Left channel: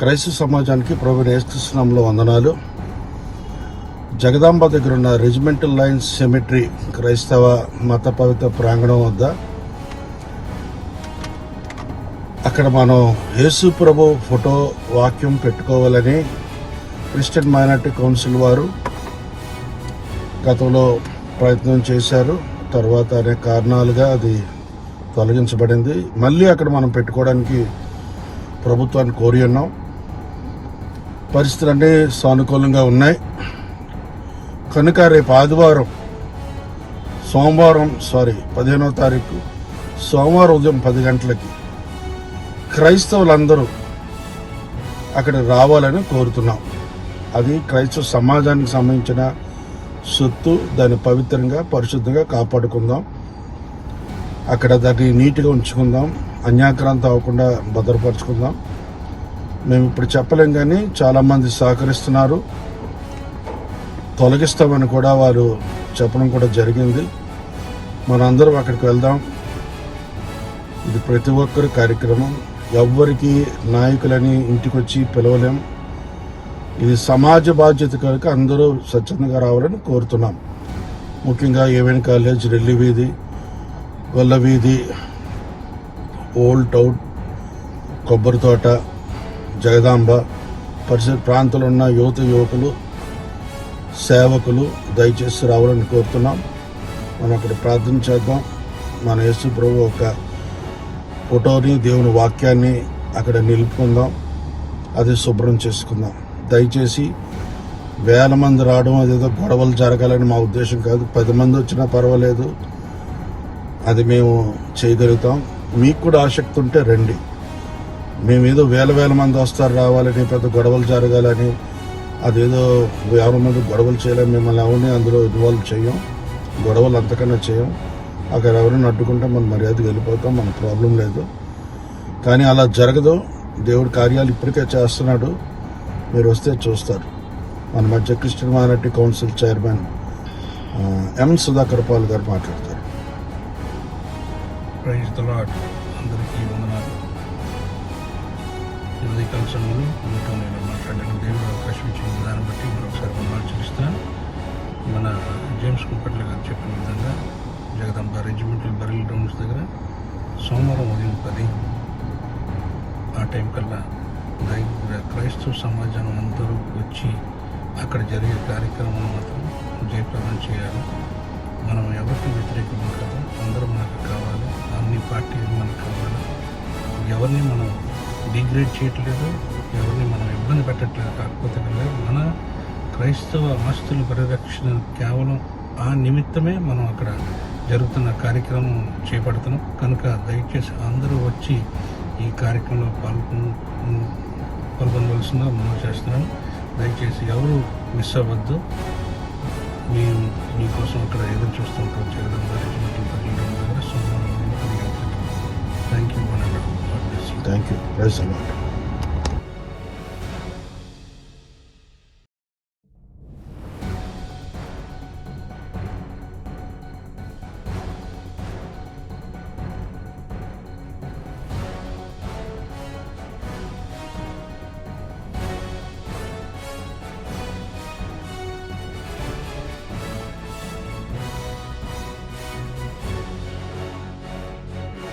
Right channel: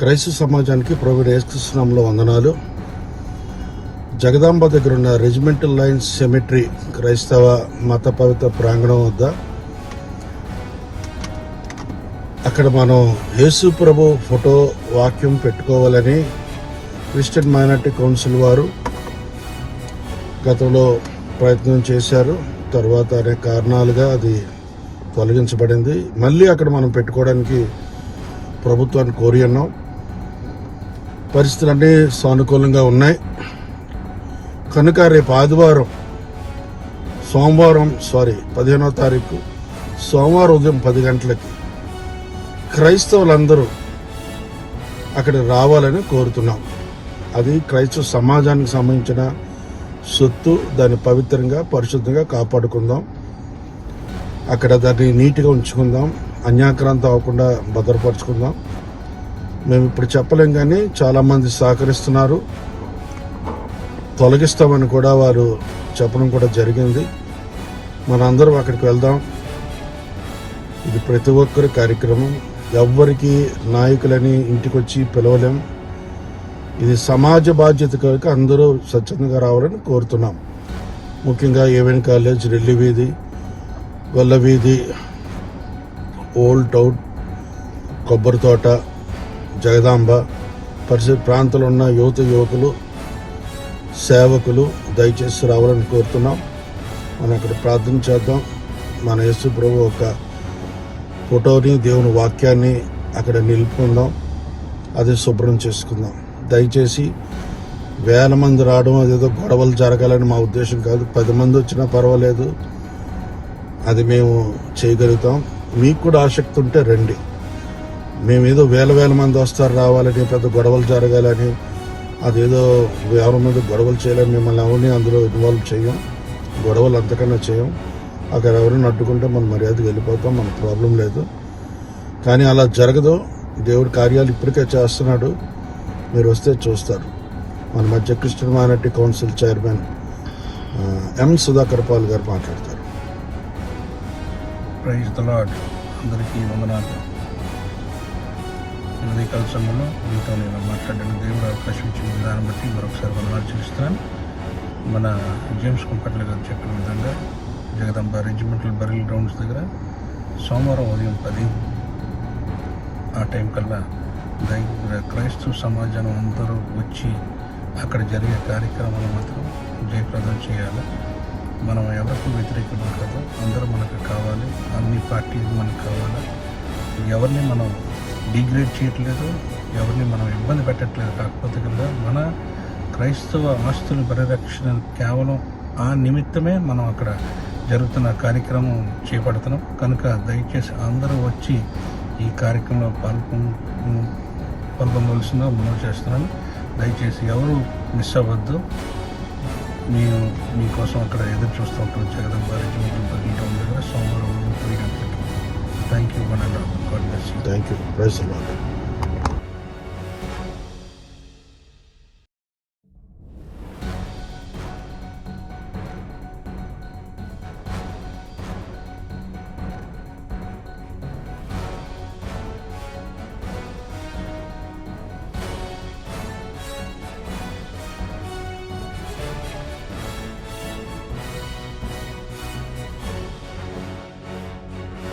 క్రైస్తవ సమాజానికి ప్రభు యేసుకృష్ణంలో వందనాలు. జగదాంబ దగ్గర ఉన్న రెజిమెంటల్ లైన్స్ సెమిట్రీ క్రైస్తవ మత పవిత్ర ప్రాంగణం వద్ద అక్కడ మనం యేసు ప్రభు ఫోటో వాక్యం పెట్టుకోవాలని క్రిస్టియన్ మైనార్టీ కౌన్సిల్ వారు గతంలో ప్రయత్నం చేశారు. తర్వాత అనేక కారణాలుగా అది తొలగించబడింది. మళ్ళీ అక్కడ మనం పెట్టుకోవడానికి ప్రభుత్వాన్ని కోరి ఉన్నాం. పరిస్థితులన్నీ సానుకూలంగా ఉన్నాయి. కనుక రేపు ఆదివారం సోమవారం సారీ పదిహేనో తారీఖు సోమవారం ఉదయం పది గంటలకి క్రైస్తవులందరూ అక్కడ రావాలని కోరుతున్నాం. అది క్రైస్తవ సమాజానికి సంబంధించిన సొత్తు దాన్ని పవిత్రంగా పరిశుద్ధంగా కాపాడుకుందాం. అక్కడ దాన్ని నీట్గా ఉంచుకుందాం. అన్యాక్రాంతం అవ్వకుండా భద్రపరచుకుందాం. మేము ఇప్పుడు చెప్పలేం కానీ చాలామంది సహకరిస్తున్నారు. తొలగిస్తామని కూడా వారు చెప్పడం కూడా జరిగింది. మనందరం అక్కడికి వెళ్దాం. ఇది ప్రతి ఒక్కరి కార్యక్రమం. ఎవ్వరికి నాయకులని ఇంటికి వచ్చి పిలవలేం. ఇది సమాజ బాధ్యత కనుక అందరూ స్వచ్ఛందంగా రావాలని కోరుతున్నాం. ముఖ్యంగా ఏవెన్ కాలేజ్ రెల్లి వీధి వెల్ల వీధి ఓల్డ్ టౌన్ కొబ్బరి తోట జగదాంబ పరిసర ప్రాంతంలో ఉన్న యువత యువకులు సేవకులు దయచేసి రావాలని కోరుతున్నాం. మనం అక్కడ ప్రార్థన చేద్దాం. మన యేసు ప్రభు ఒక ఫోటోని దేవుని వాక్యాన్ని అక్కడ నిలుపుకుందాం. అది శుభ్రం చేసుకుందాం. దయచేసి వేల మంది రావడం అదేదో గొడవలు జరగాలని మా ఉద్దేశం కాదు. పది మంది వచ్చినా పర్వాలేదు. అది మేము చేయగలుగుతాం. మీకు కూడా ఆసక్తి ఉంటే రండి. మేము ఏదో వేల వేల మంది వస్తారు రావాలని పెద్ద గొడవలు జరగాలని అదేదో ఎవరి మీద గొడవలు చేయాలని మిమ్మల్ని ఎవరిని అందులో ఇన్వాల్వ్ చేయం. గొడవలు అంతకన్నా చేయం. అక్కడ ఎవరిని అడ్డుకుంటే మన మర్యాదకి వెళ్ళిపోతాం మన ప్రాబ్లం లేదు. కానీ అలా జరగదు. దేవుడి కార్యాలు ఇప్పటికే చేస్తున్నాడు. మీరు వస్తే చూస్తారు. మన మధ్య Christian minority council chairman M Sudhakar Paul గారు మాట్లాడతారు. అందరికీ వందనాలు. ఉదయకాల సమయంలో మీతో నేను మాట్లాడిన దేవుడు అవకాశం ఇచ్చిన విధానం బట్టి మరొకసారి వందనాలు చూపిస్తాను మన జేమ్స్ కుంపట్ల గారు చెప్పిన విధంగా జగదంబ రెజిమెంటల్ బరిల్ గ్రౌండ్స్ దగ్గర సోమవారం ఉదయం పది ఆ టైం కల్లా దై క్రైస్తవ సమాజం అందరూ వచ్చి అక్కడ జరిగే కార్యక్రమాలు మాత్రం జయప్రదం చేయాలి. మనం ఎవరికి వ్యతిరేకం కాదు అందరూ మనకు కావాలి అన్ని పార్టీలు మనకు కావాలి. ఎవరిని మనం డిగ్రేడ్ చేయట్లేదు. ఎవరిని మనం ఇబ్బంది పెట్టట్లేదు. కాకపోతే కనుక మన క్రైస్తవ ఆస్తుల పరిరక్షణ కేవలం ఆ నిమిత్తమే మనం అక్కడ జరుగుతున్న కార్యక్రమం చేపడుతున్నాం. కనుక దయచేసి అందరూ వచ్చి ఈ కార్యక్రమంలో పాల్గొ పాల్గొనవలసిందో మనం చేస్తున్నాను. దయచేసి ఎవరు మిస్ అవ్వద్దు. మేము మీకోసం అక్కడ ఎదురు చూస్తూ ఉంటాం. జగన్ గారి Thank you. President.